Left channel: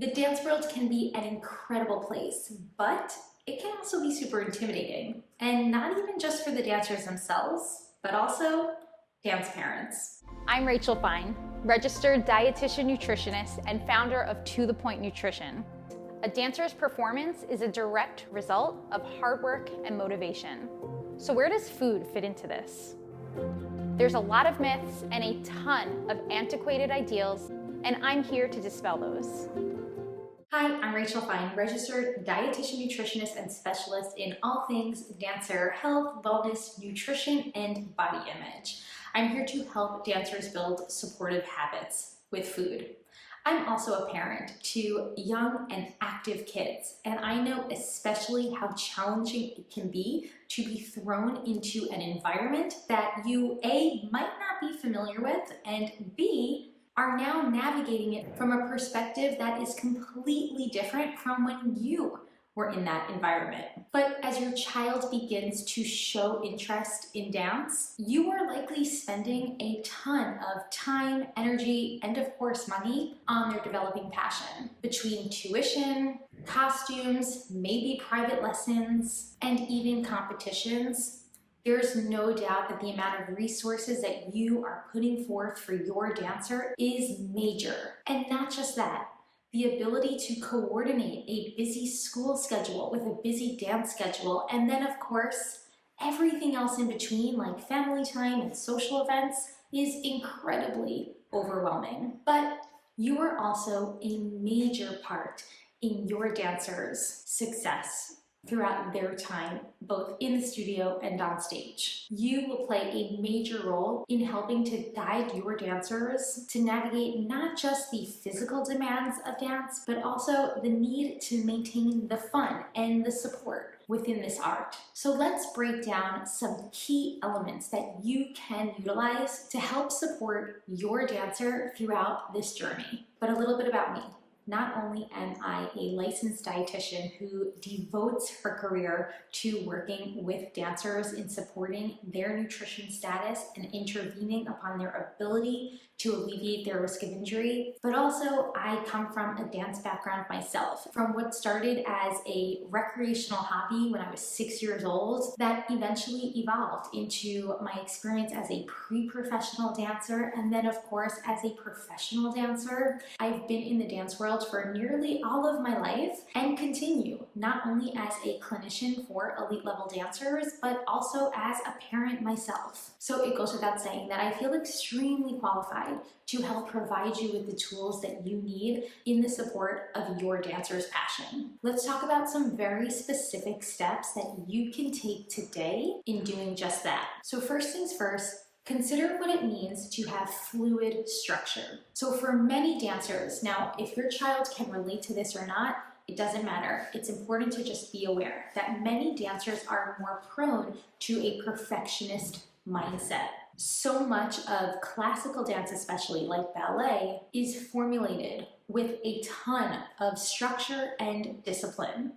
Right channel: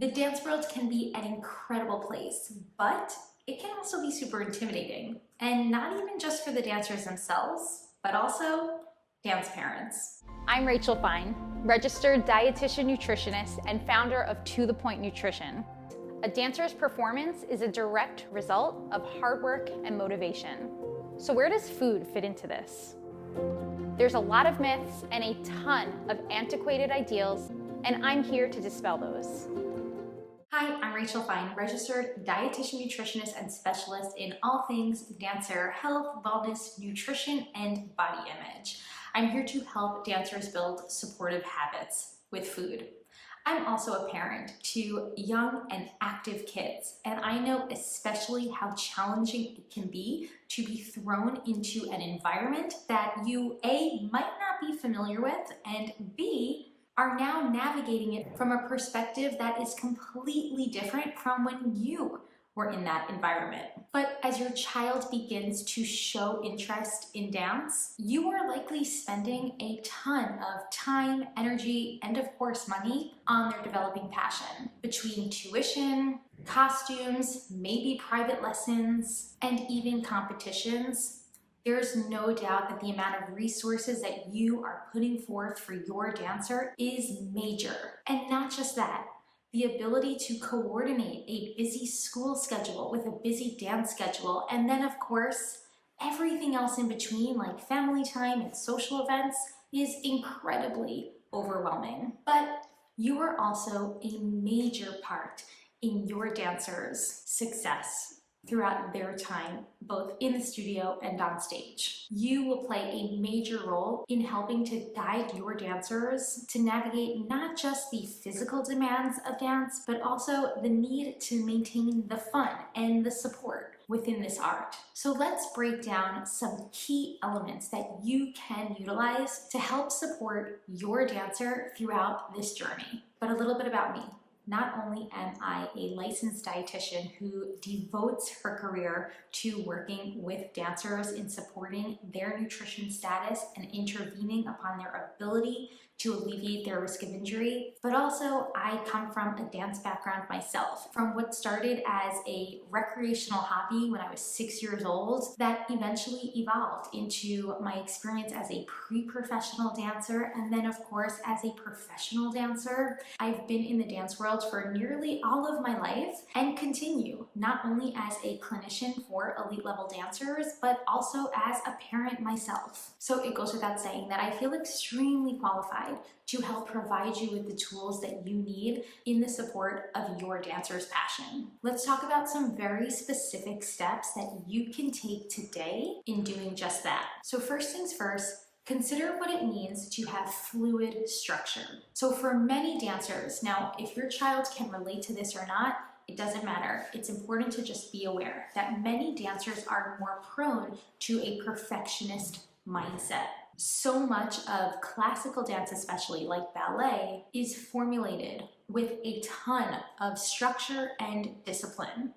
The dance world can be an incredible place, but it can also be super intimidating. And not even just for the dancers themselves, but also dance parents. I'm Rachel Fine, registered dietitian nutritionist and founder of To The Point Nutrition. A dancer's performance is a direct result of hard work and motivation. So where does food fit into this? There's a lot of myths and a ton of antiquated ideals, and I'm here to dispel those. Hi, I'm Rachel Fine, registered dietitian nutritionist and specialist in all things dancer health, wellness, nutrition, and body image. I'm here to help dancers build supportive habits with food. I'm also a parent to young and active kids, and I know especially how challenging it can be to be thrown into an environment that you A, might not be familiar with, and B, are now navigating it from a perspective that is completely different from when you were in that environment. But as your child begins to show interest in dance, you are likely spending a ton of time, energy, and of course money on their developing passion. Between tuition, costumes, maybe private lessons, and even competitions, there's no doubt that the amount of resources that you are putting forth for your dancer is major. And not just that, the ability to coordinate a busy school schedule with a busy dance schedule, and then of course, everything else in between like family time and social events is incredibly overwhelming. But you are also a major part in your dancers' success throughout their time, both in the studio and on stage. You will play a major role in helping to guide your dancers to navigate not just the physical demands of dance, but also the need to maintain the fun and the support within this art. So let's break down some key elements that you can utilize to help support your dancer throughout this journey. But a little bit about me. Not only am I a licensed dietitian who devotes her career to working with dancers in supporting their nutrition status and intervening upon their ability to alleviate their risk of injury, but also I come from a dance background myself, from what started as a recreational hobby when I was 6 years old that eventually evolved into my experience as a pre-professional dancer, and then of course as a professional dancer. I've been in the dance world for nearly all of my life and continue, not only as a clinician for elite level dancers, but also as a parent myself. So it goes without saying that I feel extremely qualified to help provide you with the tools that you need in the support of your dancer's passion. Let's talk about some very specific steps that you can take today in doing just that. So first things first, consider what it means to have fluid structure. So for many dancers, now if your child can relate to this or not, it doesn't matter. It's important to just be aware that many dancers are more prone to a perfectionist mindset. So much of classical dance, especially like ballet, is formulated with a ton of structure and discipline.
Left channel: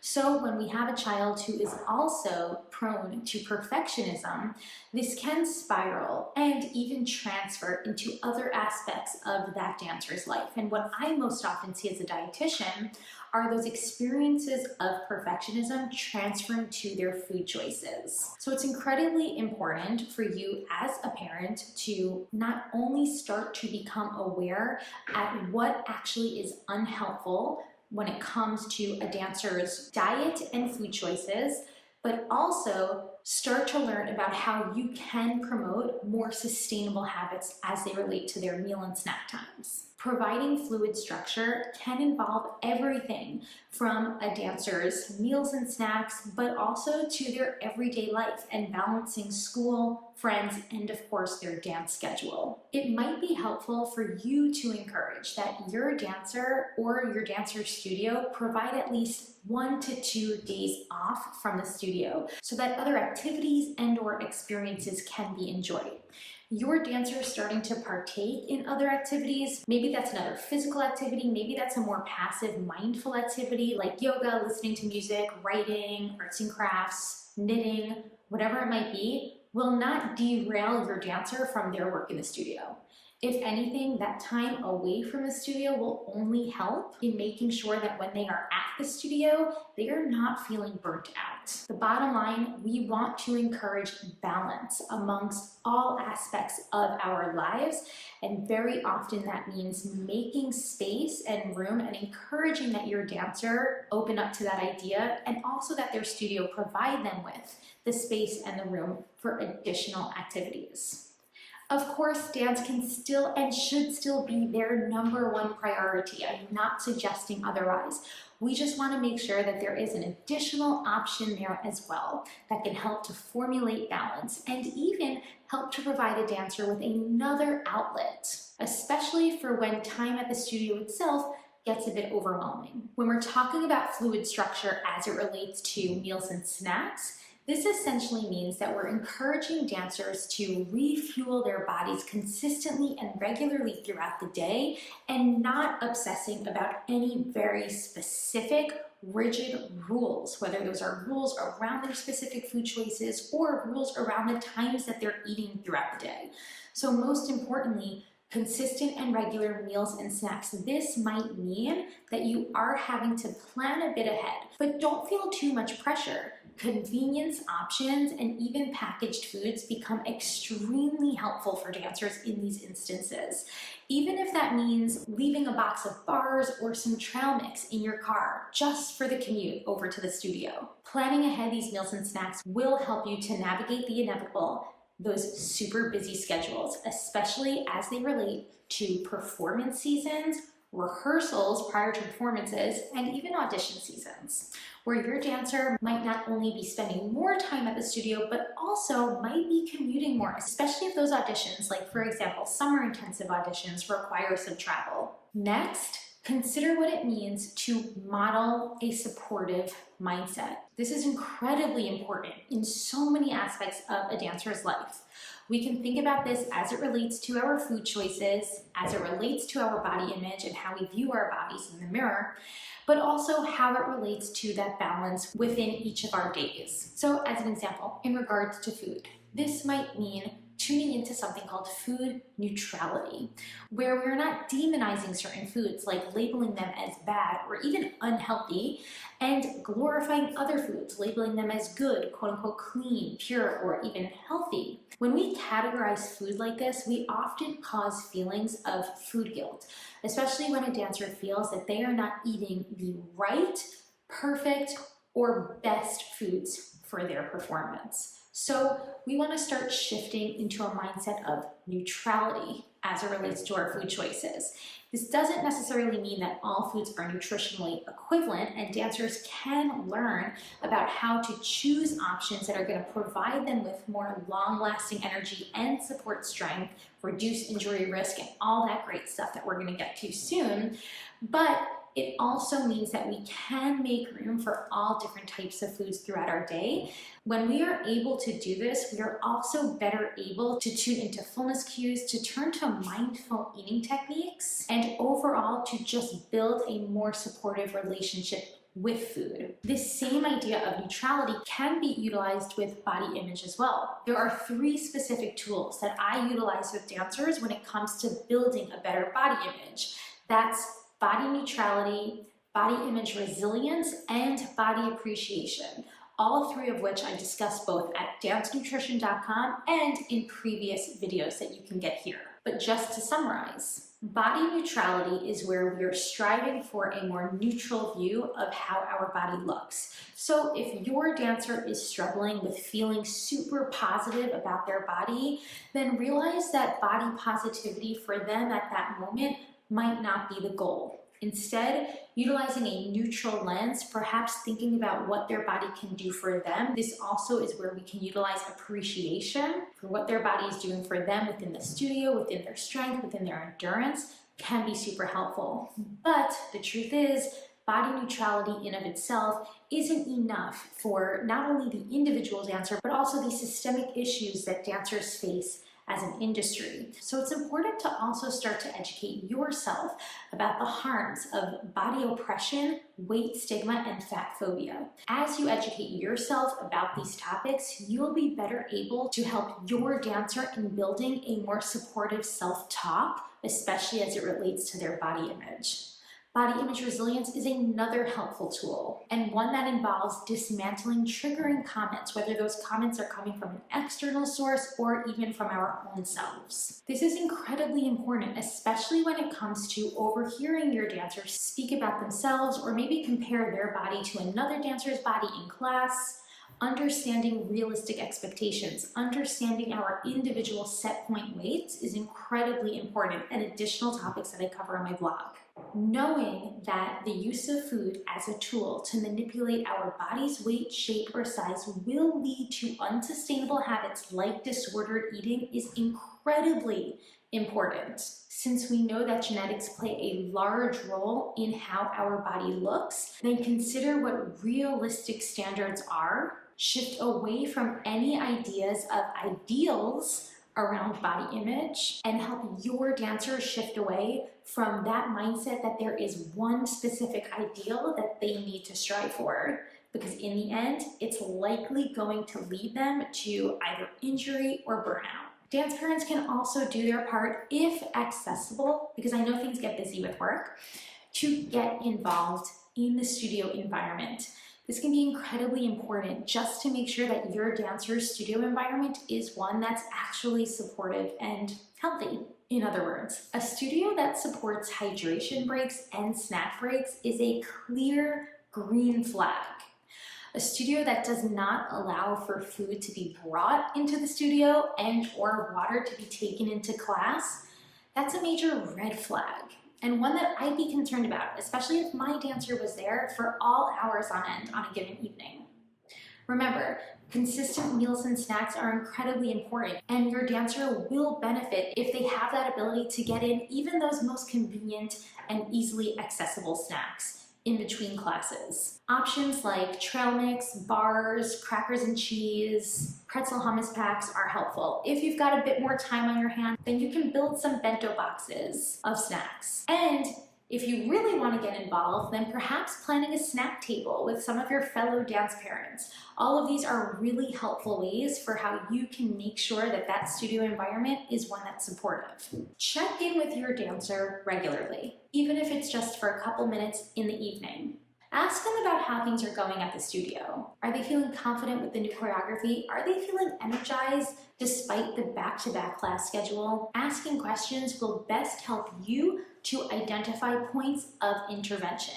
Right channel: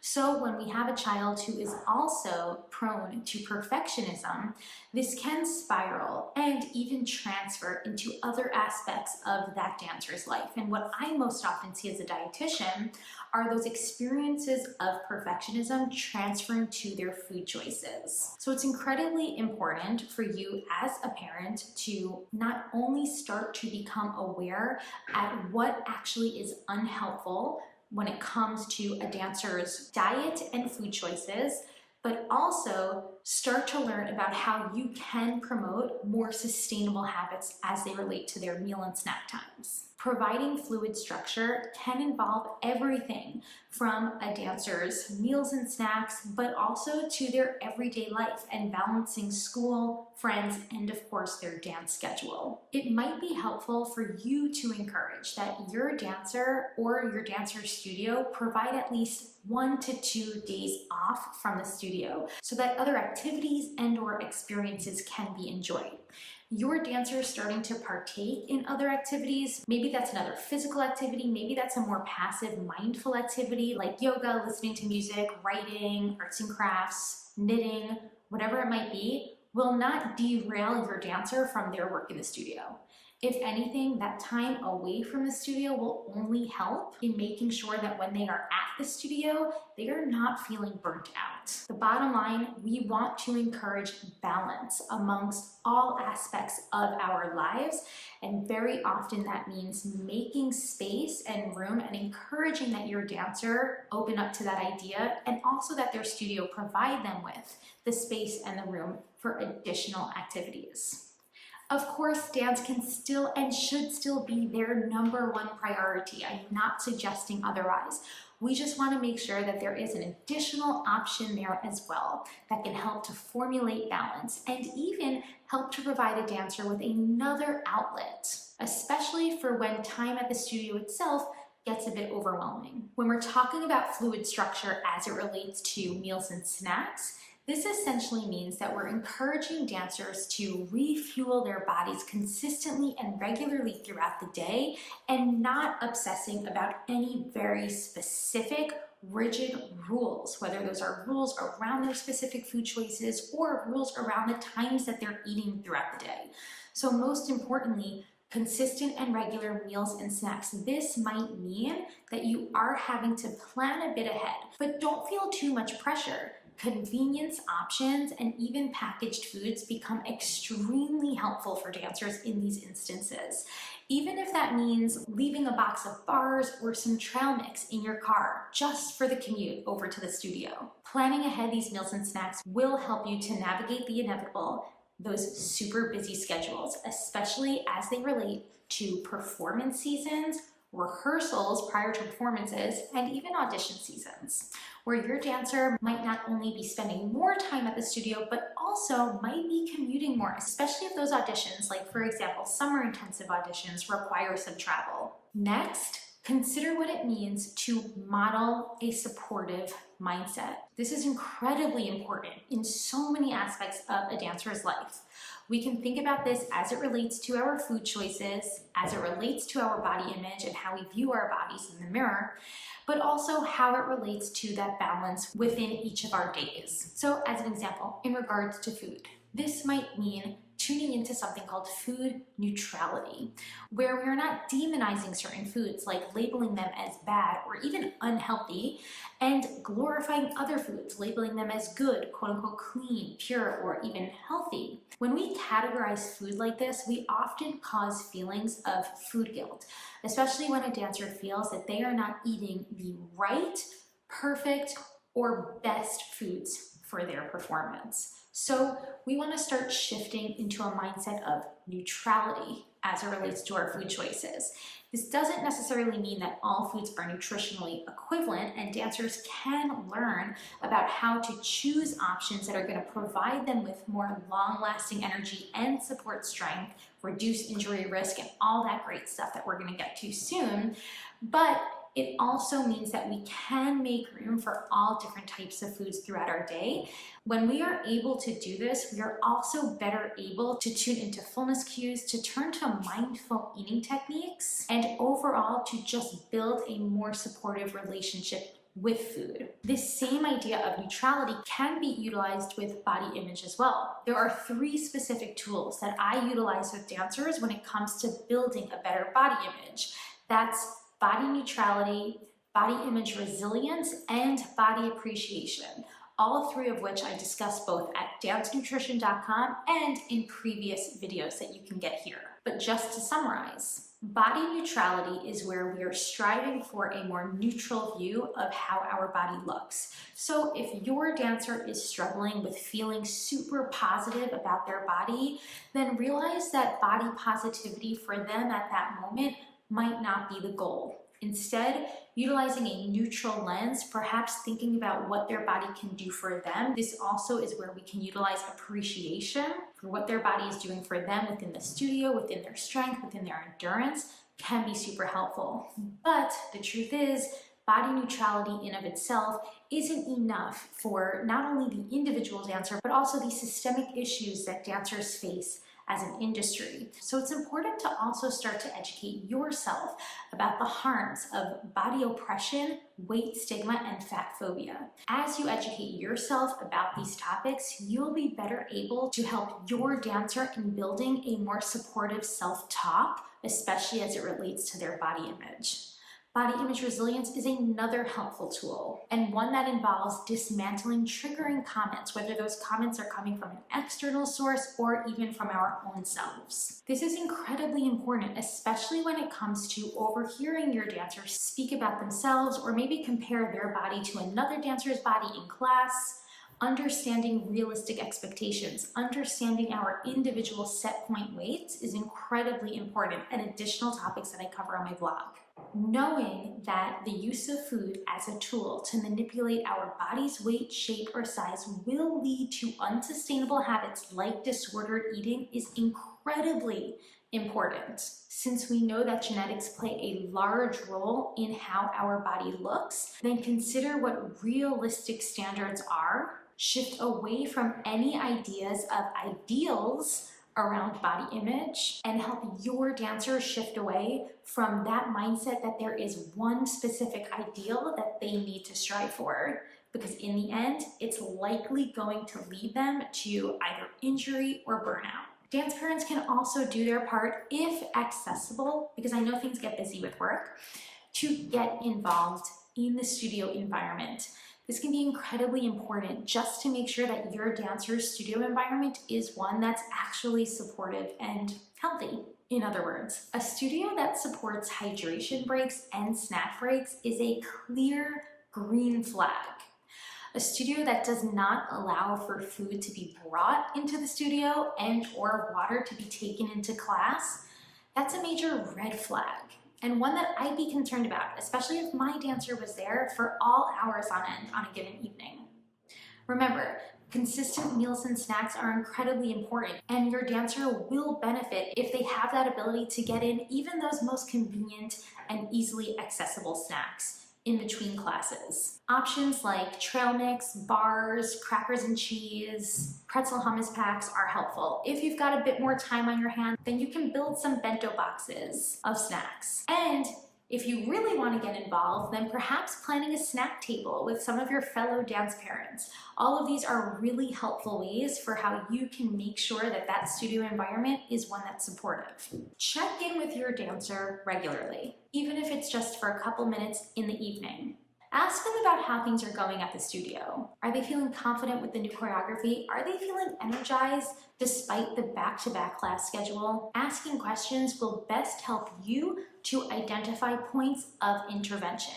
So when we have a child who is also prone to perfectionism, this can spiral and even transfer into other aspects of that dancer's life. And what I most often see as a dietitian are those experiences of perfectionism transferring to their food choices. So it's incredibly important for you as a parent to not only start to become aware at what actually is unhelpful when it comes to a dancer's diet and food choices, but also start to learn about how you can promote more sustainable habits as they relate to their meal and snack times. Providing fluid structure can involve everything from a dancer's meals and snacks, but also to their everyday life and balancing school, friends, and of course their dance schedule. It might be helpful for you to encourage that your dancer or your dancer's studio provide at least 1 to 2 days off from the studio so that other activities and or experiences can be enjoyed. Your dancer is starting to partake in other activities. Maybe that's another physical activity. Maybe that's a more passive, mindful activity like yoga, listening to music, writing, arts and crafts, knitting, whatever it might be, will not derail your dancer from their work in the studio. If anything, that time away from the studio will only help in making sure that when they are at the studio, they are not feeling burnt out. The bottom line, we want to encourage balance amongst all aspects of our lives, and very often that means making space and room and encouraging that your dancer open up to that idea, and also that their studio provide them with the space and the room for additional activities. Of course, dance can still and should still be their number one priority. I'm not suggesting otherwise. We just want to make sure that there is an additional option there as well that can help to formulate balance and even help to provide a dancer with another outlet, especially for when time at the studio itself gets a bit overwhelming. When we're talking about fluid structure as it relates to meals and snacks, this essentially means that we're encouraging dancers to refuel their bodies consistently and regularly throughout the day and not obsessing about any very specific, rigid rules, whether those are rules around their specific food choices or rules around the times that they're eating throughout the day. So most importantly, consistent and regular meals and snacks. This might mean that you are having to plan a bit ahead, but don't feel too much pressure. Convenience options and even packaged foods become extremely helpful for dancers in these instances. Even if that means leaving a box of bars or some trail mix in your car just for the commute over to the studio. Planning ahead these meals and snacks will help you to navigate the inevitable, those super busy schedules, especially as they relate to performance seasons, rehearsals prior to performances, and even audition seasons, where your dancer might not only be spending more time at the studio, but also might be commuting more, especially if those auditions, like for example, summer intensive auditions, require some travel. Next, consider what it means to model a supportive mindset. This is incredibly important in so many aspects of a dancer's life. We can think about this as it relates to our food choices, as it relates to our body image and how we view our bodies in the mirror, but also how it relates to that balance within each of our days. So as an example, in regards to food, this might mean tuning into something called food neutrality, where we're not demonizing certain foods, like labeling them as bad or even unhealthy, and glorifying other foods, labeling them as good, quote unquote, clean, pure, or even healthy. When we categorize food like this, we often cause feelings of food guilt, especially when a dancer feels that they are not eating the right, perfect, or best foods for their performance. So we want to start shifting into a mindset of neutrality as it relates to our food choices. This doesn't necessarily mean that all foods are nutritionally equivalent, and dancers can learn about how to choose options that are going to provide them with more long-lasting energy and support strength, reduce injury risk, and all that great stuff that we're going to get to soon. But it also means that we can make room for all different types of foods throughout our day. When we are able to do this, we are also better able to tune into fullness cues, to turn to mindful eating techniques, and overall to just build a more supportive relationship with food. This same idea of neutrality can be utilized with body image as well. There are 3 specific tools that I utilize with dancers when it comes to building a better body image. That's body neutrality, body image resilience, and body appreciation. All 3 of which I discuss both at dancenutrition.com and in previous videos that you can get here. But just to summarize, body neutrality is where we are striving for a more neutral view of how our body looks. So if your dancer is struggling with feeling super positive about their body, then realize that body positivity for them at that moment might not be the goal. Instead, utilizing a neutral lens, perhaps thinking about what their body can do for them. This also is where we can utilize appreciation for what their body is doing for them within the studio, within their strength, within their endurance, can be super helpful. But the truth is, body neutrality in of itself isn't enough for not only the individual dancer, but also the systemic issues that dancers face as an industry. So it's important to also start to educate yourself about the harms of body oppression, weight stigma, and fat phobia. As you educate yourself about these topics, you'll be better able to help your dancer in building a more supportive self-talk, especially as it relates to their body image. Body image resilience is another helpful tool, and one that involves dismantling triggering comments, whether those comments are coming from an external source or even from our own selves. This is incredibly important, especially when it comes to overhearing your dancers speak about themselves or maybe compare their body to another dancer's body in class. Understanding realistic expectations, understanding our individual set point weights is incredibly important, and additional topics that I cover on my blog. Knowing that the use of food as a tool to manipulate our body's weight, shape, or size will lead to unsustainable habits like disordered eating is incredibly important. Since we know that genetics play a large role in how our body looks, then consider what realistic standards are. Shift away from any ideas of ideals around body image and help your dancers shift away from that mindset that there is one specific ideal that they need to strive for, because in the end, it's likely going to lead them to either injury or burnout. Dance parents can also do their part, if accessible, because I know things get busy with work, to get involved in the studio environment. This can be incredibly important just to make sure that your dancer's studio environment is one that's actually supportive and healthy. In other words, a studio that supports hydration breaks and snack breaks is a clear green flag. A studio that does not allow for food to be brought into the studio and or water to be taken into class, that's a major red flag, and one that I'd be concerned about, especially if my dancer was there for all hours on end on a given evening. Remember, consistent meals and snacks are incredibly important, and your dancer will benefit if they have that ability to get in even those most convenient and easily accessible snacks in between classes. Options like trail mix, bars, crackers and cheese, pretzel hummus packs are helpful. If you've got a bit more time on your hands, then you can build some bento boxes of snacks. And if you really want to get involved, then perhaps planning a snack table with some of your fellow dance parents. All of these are really helpful ways for how you can make sure that that studio environment is one that's supportive. Check in with your dancer regularly, even if it's just for a couple minutes in the evening. Ask them about how things are going at the studio. Are they feeling confident with the new choreography? Are they feeling energized despite the back-to-back class schedule? Asking questions will best help you to identify points of intervention.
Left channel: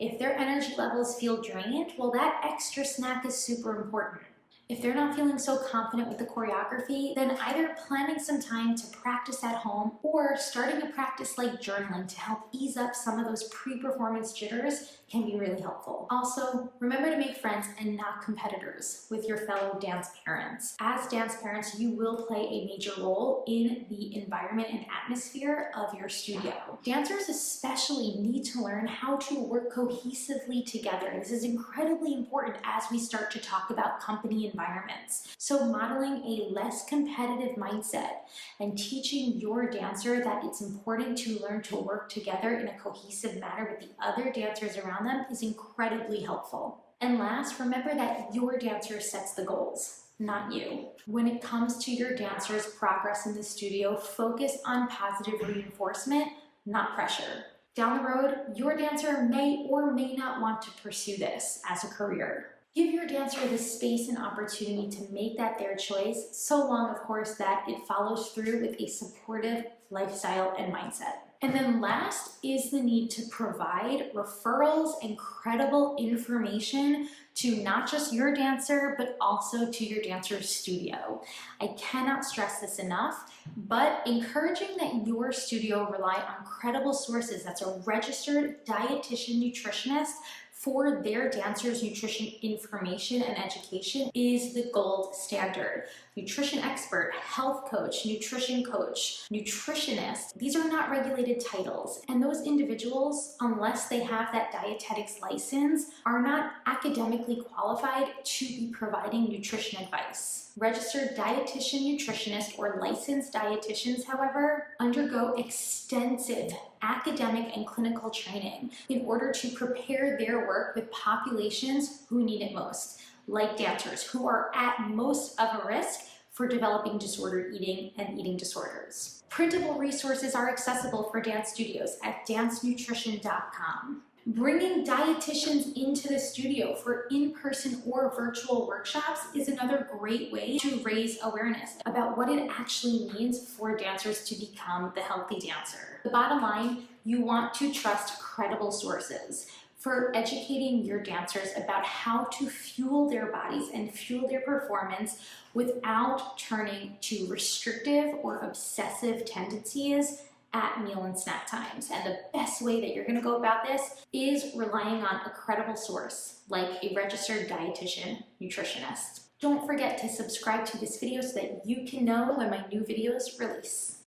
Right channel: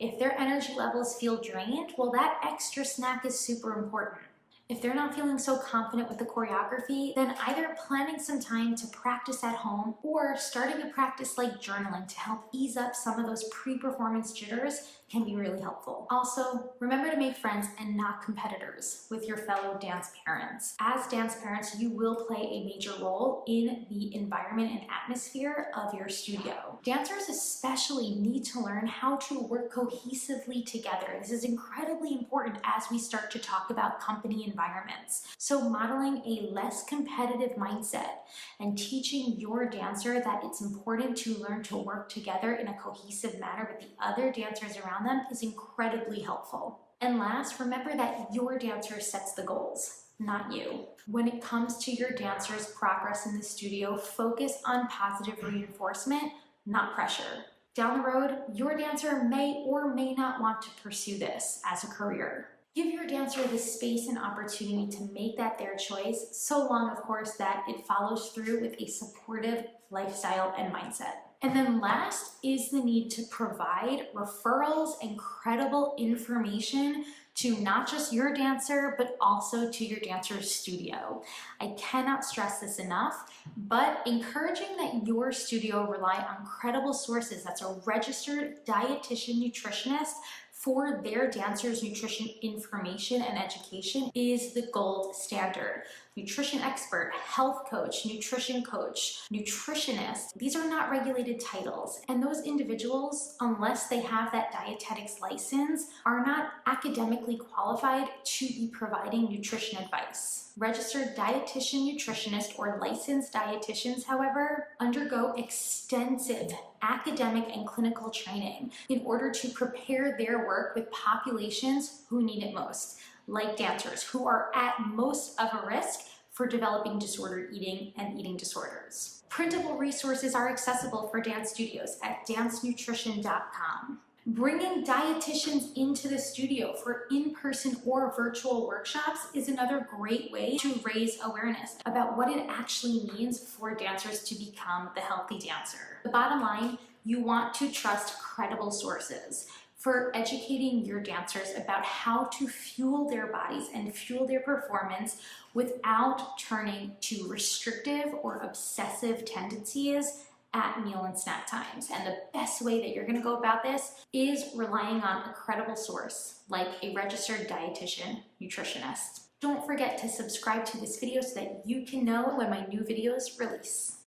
If their energy levels feel drained, well, that extra snack is super important. If they're not feeling so confident with the choreography, then either planning some time to practice at home or starting a practice like journaling to help ease up some of those pre-performance jitters can be really helpful. Also, remember to make friends and not competitors with your fellow dance parents. As dance parents, you will play a major role in the environment and atmosphere of your studio. Dancers especially need to learn how to work cohesively together. This is incredibly important as we start to talk about company environments. So modeling a less competitive mindset and teaching your dancer that it's important to learn to work together in a cohesive manner with the other dancers around them is incredibly helpful. And last, remember that your dancer sets the goals, not you. When it comes to your dancer's progress in the studio, focus on positive reinforcement, not pressure. Down the road, your dancer may or may not want to pursue this as a career. Give your dancer the space and opportunity to make that their choice, so long, of course, that it follows through with a supportive lifestyle and mindset. And then last is the need to provide referrals and credible information to not just your dancer, but also to your dancer's studio. I cannot stress this enough, but encouraging that your studio rely on credible sources, that's a registered dietitian nutritionist, for their dancers' nutrition information and education is the gold standard. Nutrition expert, health coach, nutritionist, these are not regulated titles. And those individuals, unless they have that dietetics license, are not academically qualified to be providing nutrition advice. Registered dietitian nutritionist or licensed dietitians, however, undergo extensive academic and clinical training in order to prepare their work with populations who need it most, like dancers who are at most of a risk for developing disordered eating and eating disorders. Printable resources are accessible for dance studios at dancenutrition.com. Bringing dietitians into the studio for in-person or virtual workshops is another great way to raise awareness about what it actually means for dancers to become the healthy dancer. The bottom line, you want to trust credible sources for educating your dancers about how to fuel their bodies and fuel their performance without turning to restrictive or obsessive tendencies at meal and snack times. And the best way that you're going to go about this is relying on a credible source like a registered dietitian nutritionist. Don't forget to subscribe to this video so that you can know when my new videos release.